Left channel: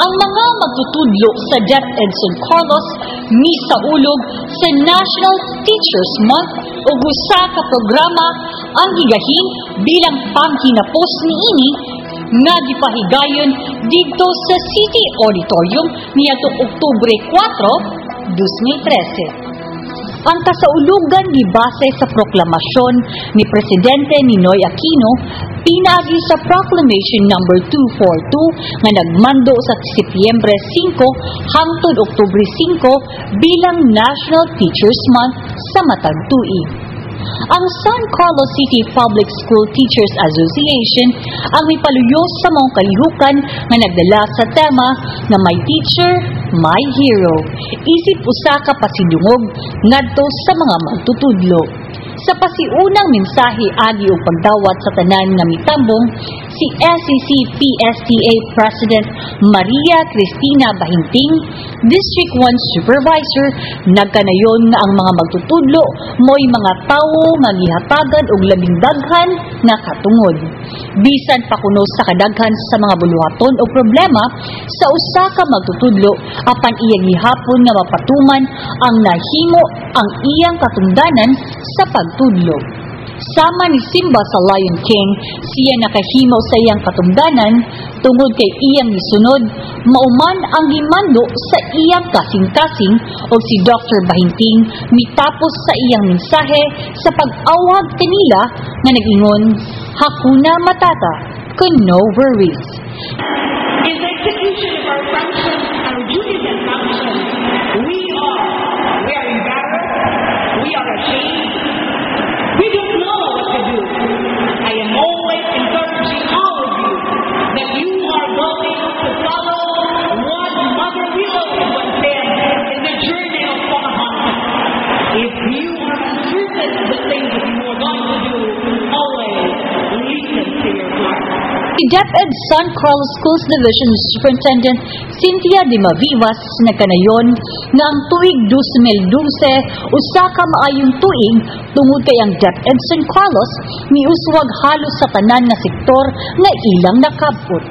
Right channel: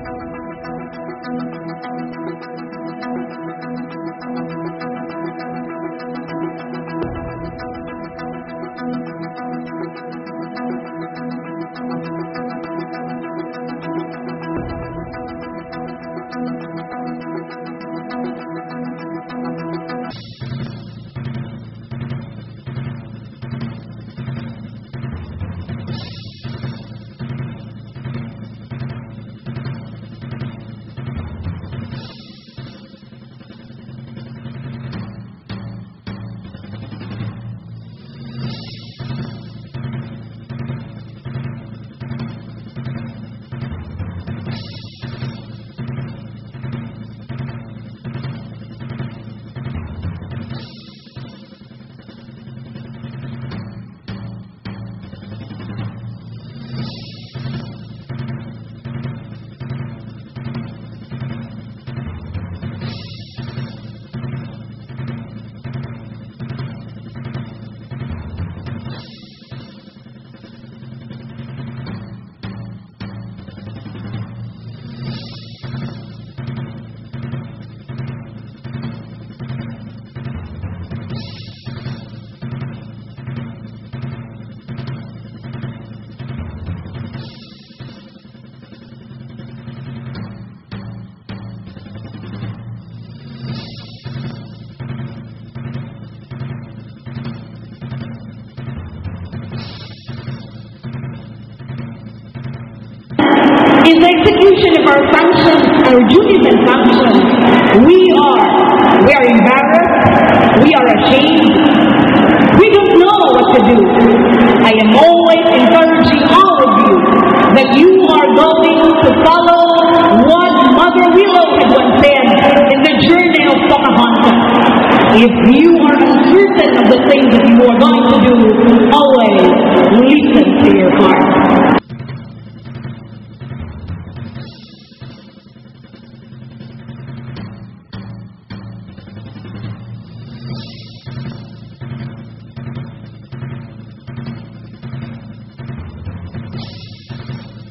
ang mga magtutudlo sa DepEd San Carlos misaulog sa National Teachers Month o usa ka programa ang gigahin bilang panghinapos niini nga gipahigayon didto sa City Auditorium niadtong Oktubre 4, 2013. Ang kasaulugan gibase sa proklamasyon ni Presidente Ninoy Aquino pinagi sa Proclamation No. 242 nga nagmando sa Setyembre 5 hangtod Oktubre 5 bilang National Teachers Month sa matag tuig. Ang San Carlos City Public School Teachers Association ang mipaluyo sa mga kalihukan nga nagdala sa tema na My Teacher, My Hero. Isip usa ka pasidungog ngadto sa mga magtutudlo. Sa pasiunang mensahe agi og pagdawat sa tanan nga mitambong, si SCC-PSTA President Maria Cristina Bahinting, District 1 Supervisor, nagkanayon nga ang mga magtutudlo mo'y mga tawo nga gihatagan og labing daghan nga katungod. Bisan pa kuno sa kadaghan sa mga buluhaton o problema sa usa ka magtutudlo apan iyang gihapon nga mapatuman ang nahimo ang iyang katungdanan sa pagtudlo. Sama ni Simba sa Lion King, siya nakahimo sa iyang katungdanan tungod kay iyang gisunod, mauman ang gimando sa iyang kasing-kasing o si Dr. Bahinting mitapos sa iyang mensahe sa pag-awag kanila nga nag-ingon, Hakuna Matata, no worries. In the execution of our functions, our duties and functions, we are embarrassed, we are ashamed, we don't know what to do. I am always encouraging all of you that you are going to follow what Mother Willow had once said in the journey of Pocahontas. If you are uncertain of the things that you are going to do, always listen to your heart. Si DepEd San Carlos Schools Division Superintendent Cynthia de Mavivas nagkanayon nga ang tuig 2012 usa ka maayong tuig tungod kay ang DepEd San Carlos miuswag halos sa tanan nga sektor nga ilang nakapot.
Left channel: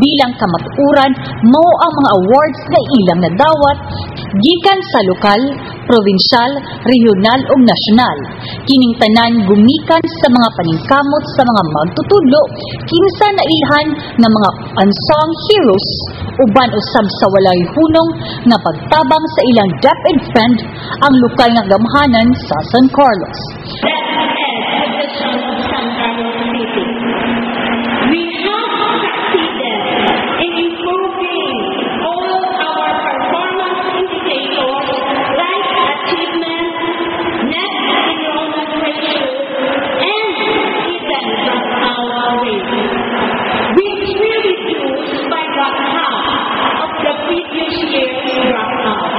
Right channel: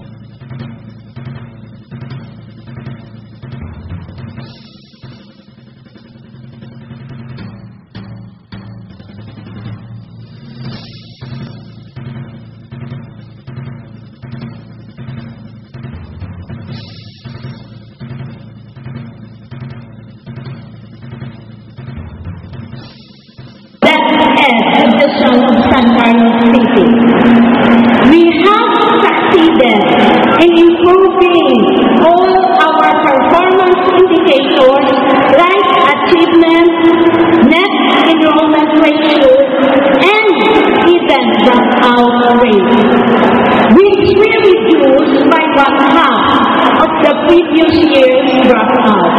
Bilang kamaturan, mao ang mga awards nga ilang nadawat gikan sa lokal, probinsyal, regional ug nasyonal. Kining tanan gumikan sa mga paningkamot sa mga magtutudlo kinsa nailhan nga mga unsung heroes uban usab sa walay hunong nga pagtabang sa ilang DepEd friend ang lokal nga gamhanan sa San Carlos. DepEd Division of San Carlos City. We have succeeded in improving all our performance indicators like achievement, net enrollment ratio, and even dropout rate, which we reduced by about half of the previous year's dropout.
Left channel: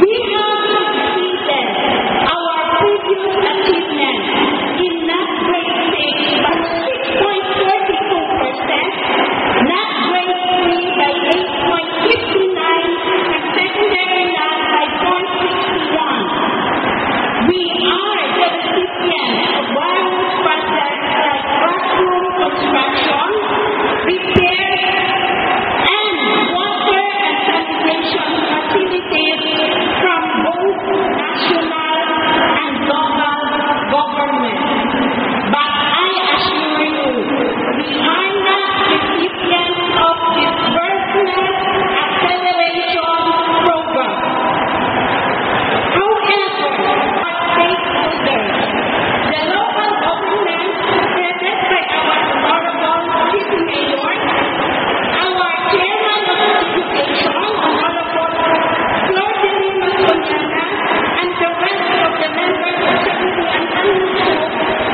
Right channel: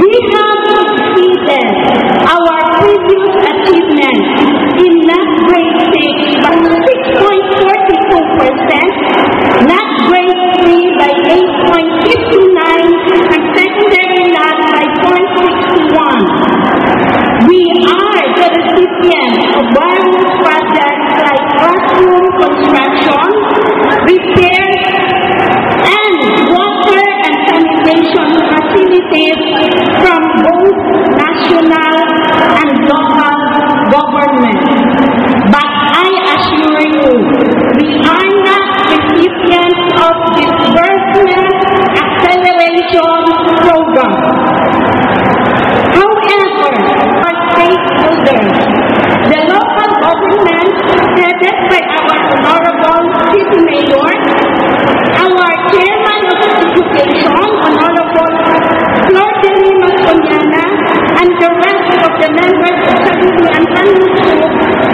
We have exceeded our previous achievement in NAT grade 6 by 6.42%, NAT grade 3 by 8.59%, and secondary NAT by 0.61%. We are the recipients of various projects like classroom construction, repairs, and water and sanitation facilities from both national and local government. But I assure you, we are not recipients of disbursement acceleration program. However, our stakeholders, the local government headed by our Honorable City Mayor, our Chairman of Education, Honorable Flor de Lima Soriana, and the rest of the members of Sanity and Sanluso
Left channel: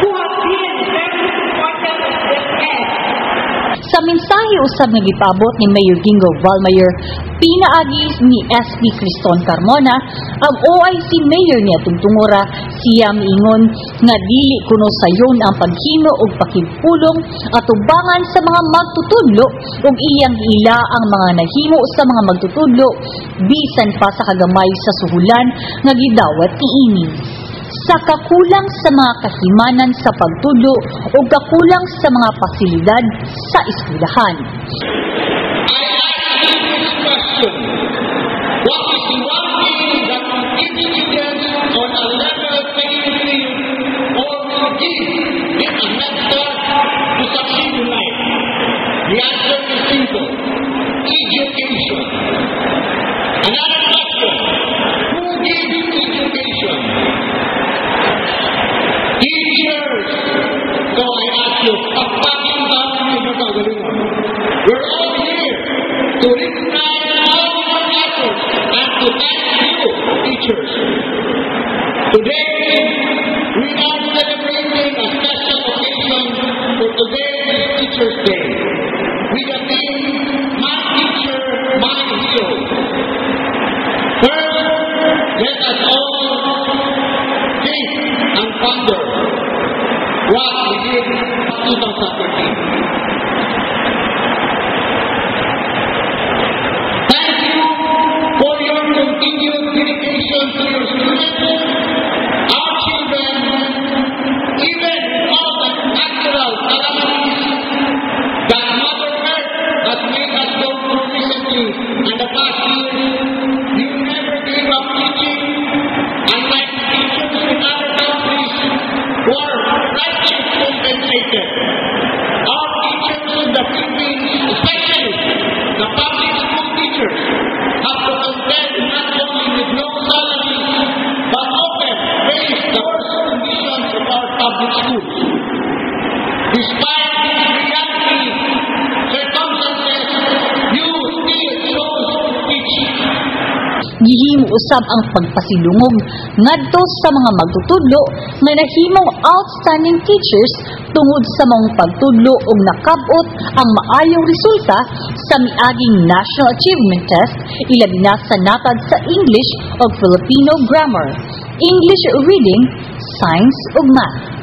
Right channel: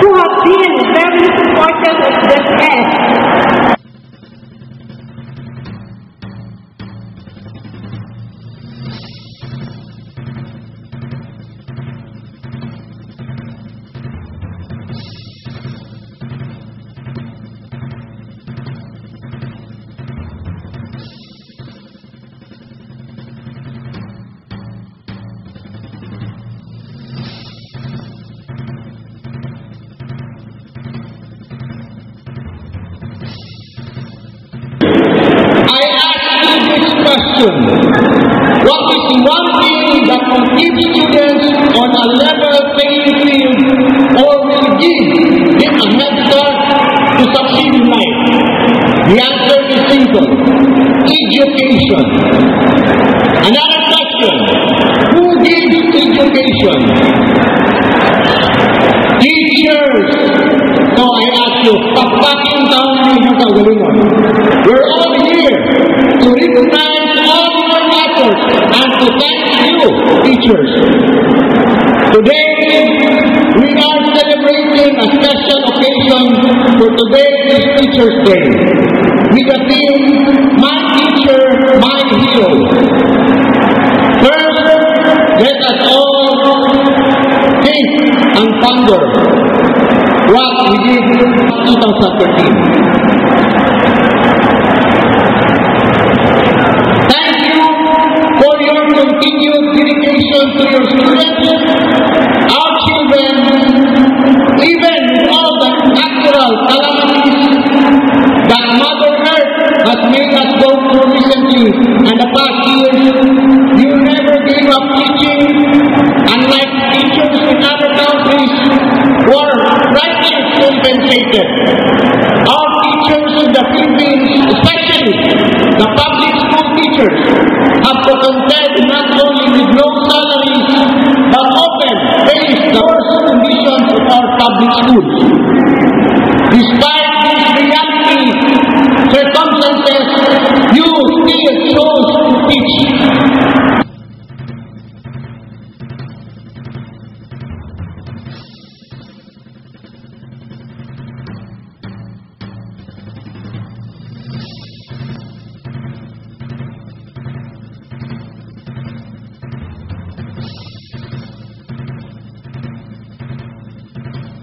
who have been very supportive of this act. Sa mensahe usab nga gipabot ni Mayor Gingo Valmayer, pinaagi ni SP Criston Carmona ang OIC Mayor niya Tungtungura, siya miingon nga dili kuno sayon ang paghimo og pakigpulong at tubangan sa mga magtutudlo ug iyang ila ang mga nahimo sa mga magtutudlo bisan pa sa kagamay sa suhulan nga gidawat niini. Sa kakulang sa mga kahimanan sa pagtudlo o kakulang sa mga pasilidad sa eskwelahan. I ask this question: what is the one thing that will keep students on a level playing field or will give them a head start to succeed in life? The answer is simple: education. Another question: who gives education? Teachers. So I ask you, pakpaking taon niyo sa kagalingon. We're all here to recognize all your efforts and to thank you, teachers. Today, we are celebrating a special occasion for today is Teacher's Day with the theme, My Teacher, My Hero. First, let us all think and ponder what we did in 2013. Thank you for your continued dedication to your students, our children, even all the natural calamities that Mother Earth has made us go through recently and the past years. You never gave up teaching, unlike teachers in other countries who are rightly compensated. Our teachers in the Philippines, especially the public school teachers, have to contend not only with low salaries, but often face the worst conditions of our public schools. Despite these reality circumstances, you still chose to teach. Gihimo usab ang pagpasilungog ngadto sa mga magtutudlo nga nahimong outstanding teachers tungod sa mong pagtudlo ug nakab-ot ang maayong resulta sa miaging National Achievement Test ilabi na sa natad sa English ug Filipino grammar, English reading, science ug math.